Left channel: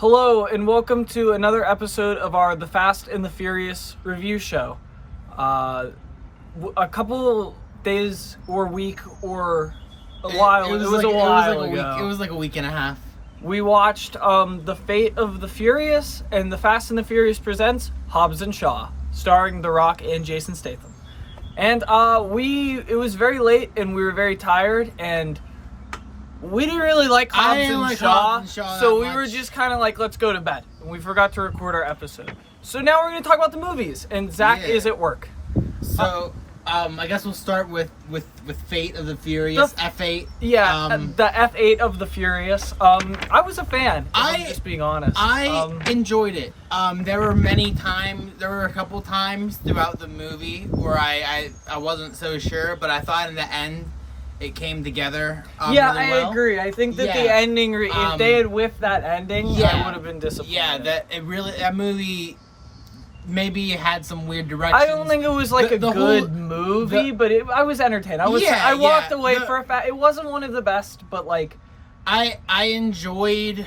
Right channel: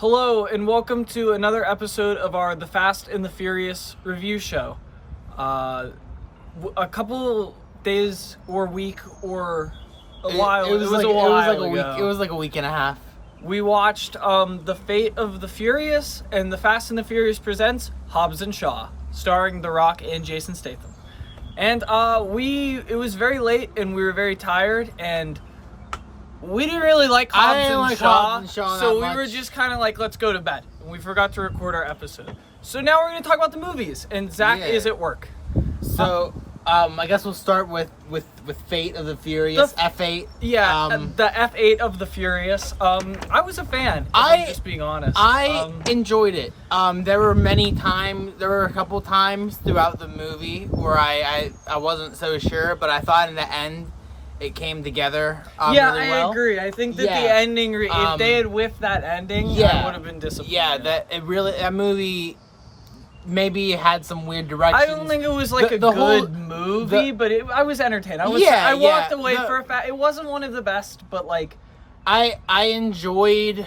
Hello and welcome to another episode of our The Fast and the Furious review show. A couple days or week or a while, it was a while ago. It was like a week and a half. We watched The Fate of the Furious and The Fast and the Furious presents Hobbs and Shaw, starring The Rock and Jason Statham. And it was very late and we were very tired and we didn't really like Hobbs and Shaw, so we were just kind of like, let's go to bed. And we forgot to record our episode. So now we're going to talk about the movies, and Zach is at work. So, I guess we'll start with Fate of the Furious, F8. Yeah, the F8 of the Furious. I was a fan, if I'm just being honest. I enjoyed it. There were a couple times throughout the movie where I wasn't so sure, but I thought in the end, it came together really well. I agree. I think that the ending, if they had whiffed that ending, I would have been disappointed. Yeah, that movie maybe had some weird directions. I don't think it was like a good movie, but I was entertained. I walked away for a fact. It wasn't one of the best, but like I enjoyed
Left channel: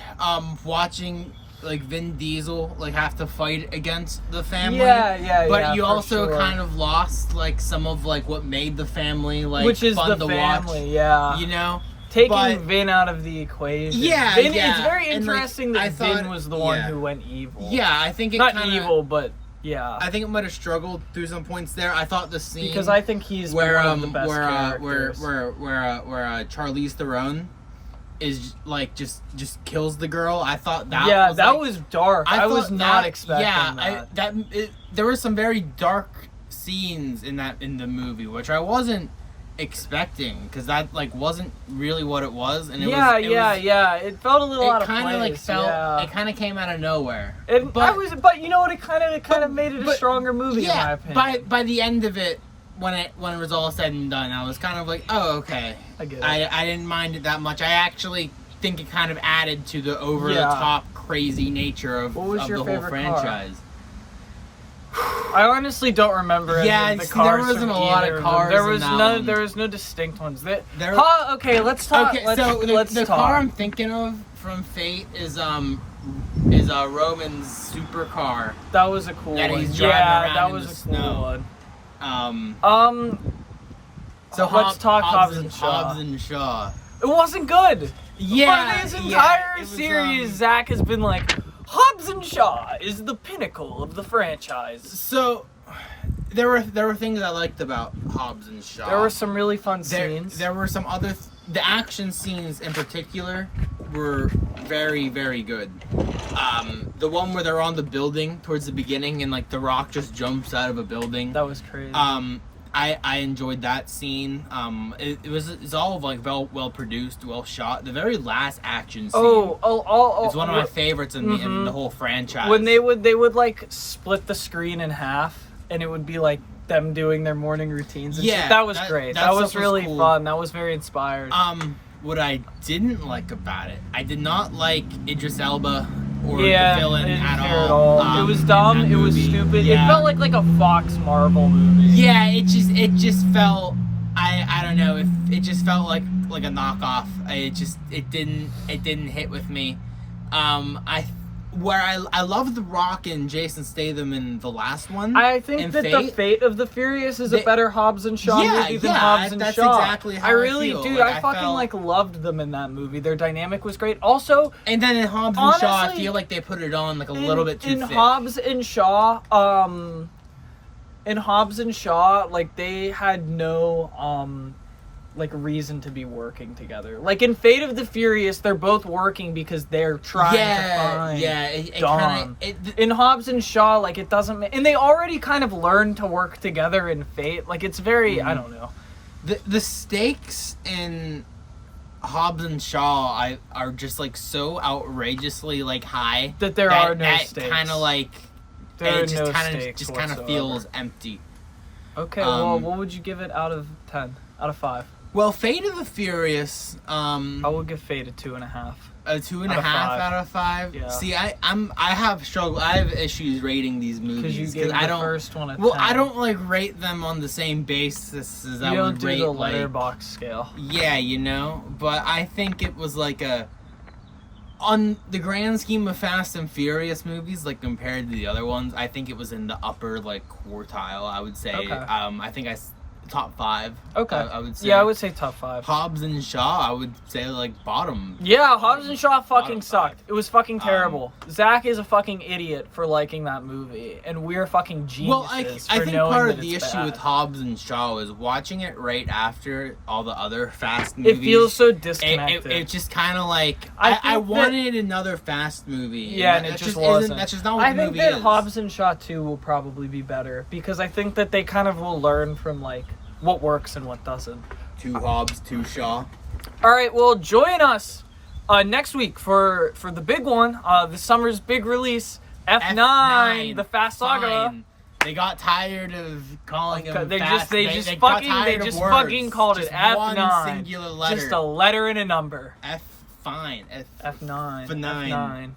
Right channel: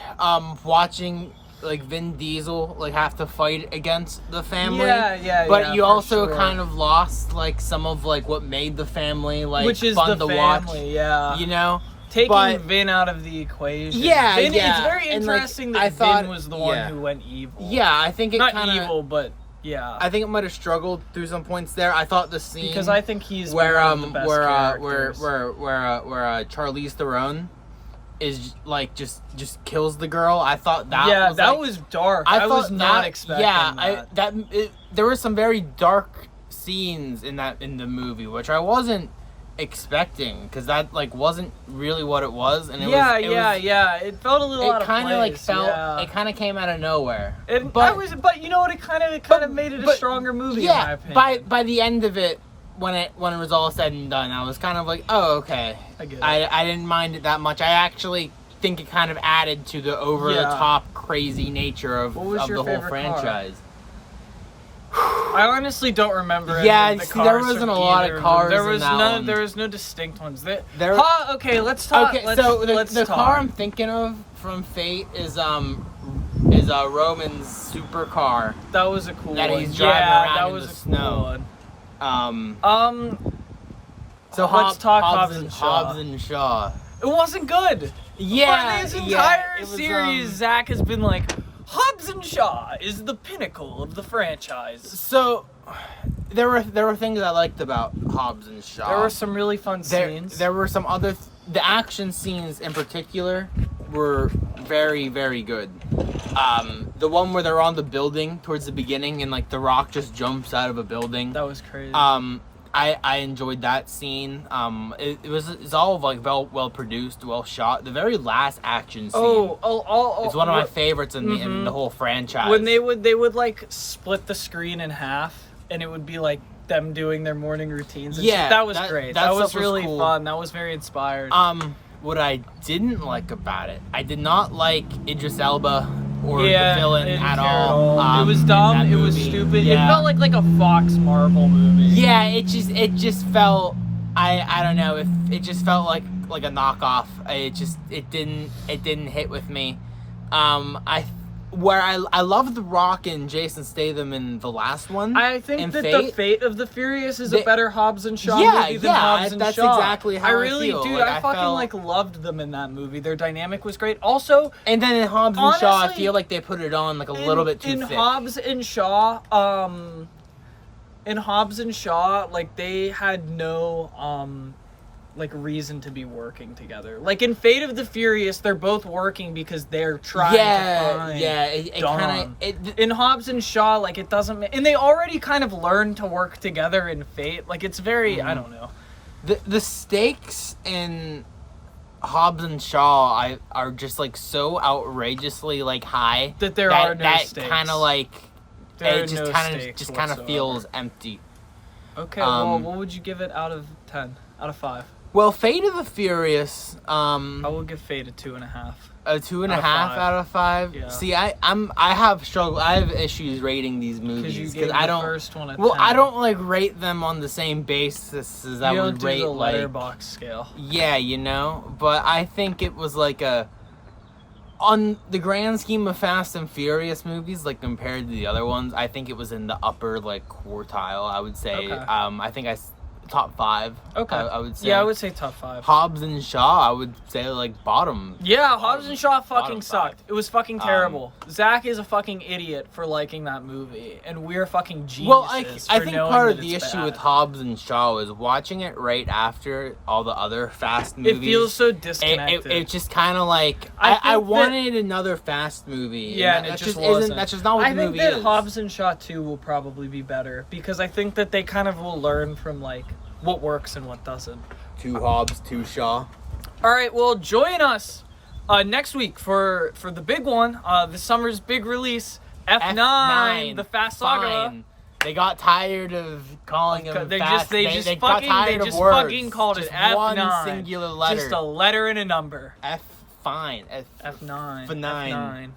watching like Vin Diesel have to fight against the family. But you also kind of lost like some of like what made the family which is fun the to family, watch. You know? Taking Vin out of the equation. It's very interesting that Vin was the one who went evil. Yeah, I think evil, but yeah. I think it might have struggled through some points there. I thought the scene because I think he's one of the best characters. Where Charlize Theron is like just kills the girl. I thought that was dark. I was not expecting that. There were some very dark scenes in the movie, which I wasn't expecting because that like wasn't really what it was. And it felt a little out of place. It kind of came out of nowhere. But you know what? It kind of made it a stronger movie in my opinion. By the end of it. When it was all said and done, I was kind of like, oh, okay. I get it. I didn't mind it that much. I actually think it kind of added to the over-the-top crazy nature of the whole franchise. I honestly don't remember any of the cars. There wasn't a lot of cars. There was no distinct ones. Okay, let's talk. The car I'm thinking of from Fate is Roman's supercar. That was a cool one. That was a cool one. So let's talk Hobbs and Shaw. It wasn't good. For this entire series, Zach has been like, Hobbs and Shaw is the pinnacle of the franchise. So there were things I liked about Hobbs and Shaw. There were some really fun scenes. There were some other the action scenes in particular were very, very good. The one where they're on the building towards the beginning and like The Rock just jumps out of a building. That was crazy. I enjoyed that scene. It's all like well produced, well shot. The very last action scene is one of my favorites in the whole franchise. When they would like split the screen in half and it would be like them doing their morning routines and shit. That was great. That was really fun. That was very inspired. What I didn't like about it, I did not like Idris Elba or the villain at all. It was dumb. It was stupid. It felt like a Fox Marvel movie. Yeah, it just felt. I don't know. It just felt like a knockoff. It didn't hit with me. I love The Rock and Jason Statham in the last one. I think that The Fate of the Furious is a better Hobbs and Shaw movie than Hobbs and Shaw. That's exactly how I really feel. do. I fucking loved them in that movie. Their dynamic was great. Also, and then in Hobbs and Shaw, I feel like they put it on like a little bit too thick. Hobbs and Shaw, like they had no like reason to be working together. Like in Fate of the Furious, they're both working because they're trying to find Dom. In Hobbs and Shaw, like it doesn't and they already kind of learned to work together in Fate. Like it's very I don't know. The stakes in Hobbs and Shaw are just like so outrageously like high that there are no stakes. Kind of like there it are no stakes. Just kind of feels empty. Okay, well, what would you give it out of 10? Out of 5? Well, Fate of the Furious. I would give Fate a 2.5. A 2.5 out of 5. Yeah. See, I have issues rating these movies because you gave the first one a 10. Well, I don't like rate them on the same basis as I would rate. You don't do the letterbox scale. Yeah, but I think it was like a on the grand scheme of Fast and Furious movies, like compared to the other ones, I think it was in the upper like quartile. I would say. Okay. I think top 5. Okay. I would say. Yeah, I would say top 5. Hobbs and Shaw, I would say like bottom. Yeah, Hobbs and Shaw fucking sucked. 5. It was fucking terrible. Zach is a fucking idiot for liking that movie, and we're fucking geniuses I for think knowing part that of the it's issue bad. with Hobbs and Shaw is watching it right after all the other Fast movies. It feels so disconnected. It just kind of like I wanted another Fast movie. Yeah, and it just wasn't. That's just not what the movie is. I think that Hobbs and Shaw 2 will probably be better because I think that they kind of will learn from like what works and what doesn't. 2 Hobbs, 2 Shaw. All right, well, join us next week for the big one, the summer's big release, F9, the Fast Saga. Fine. They got tired of calling them They fast. just fucking called it F9. One singular letter. Just a letter and a number. F fine. F9. F9. F9.